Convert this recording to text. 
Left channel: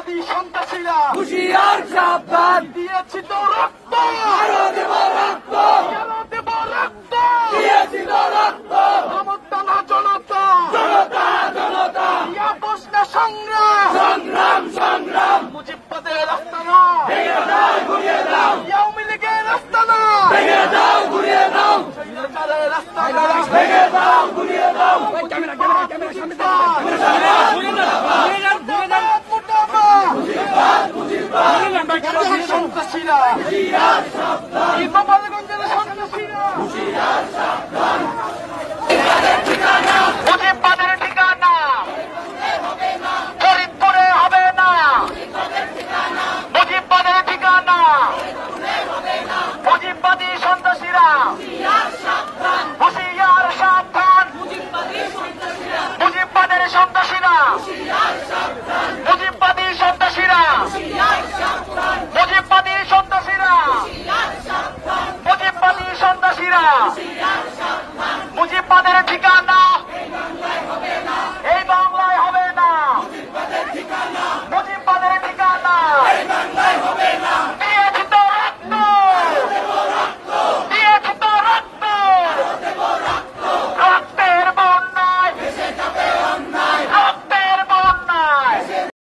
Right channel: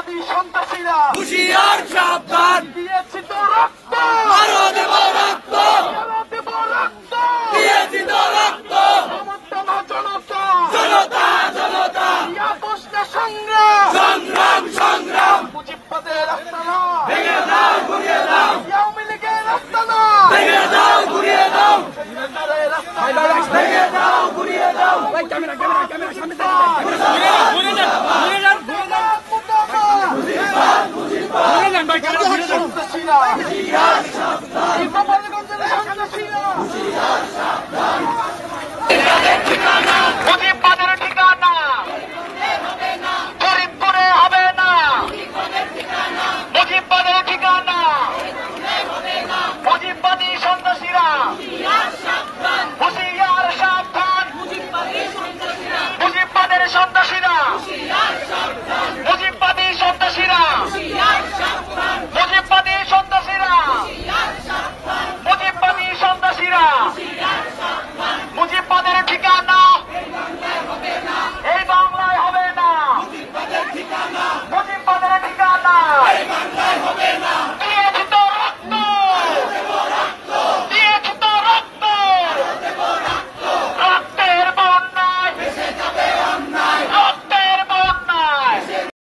ফ্যাসিবাদী সন্ত্রাসীরা হুঁশিয়ার সাবধান, দিয়েছি তো রক্ত, আরো দেব রক্ত, আরো দেব রক্ত, দিয়েছি তো রক্ত, জনতা না জনতা, জনতা জনতা, আপোষ না সংগ্রাম, সংগ্রাম সংগ্রাম, মুজিববাদের আস্তানা, ভেঙে দাও ঘুরিয়ে দাও, আওয়ামী লীগের আস্তানা, ভেঙে দাও ঘুরিয়ে দাও, সরকারের আস্তানা, ভেঙে দাও ঘুরিয়ে দাও, সন্ত্রাসীরা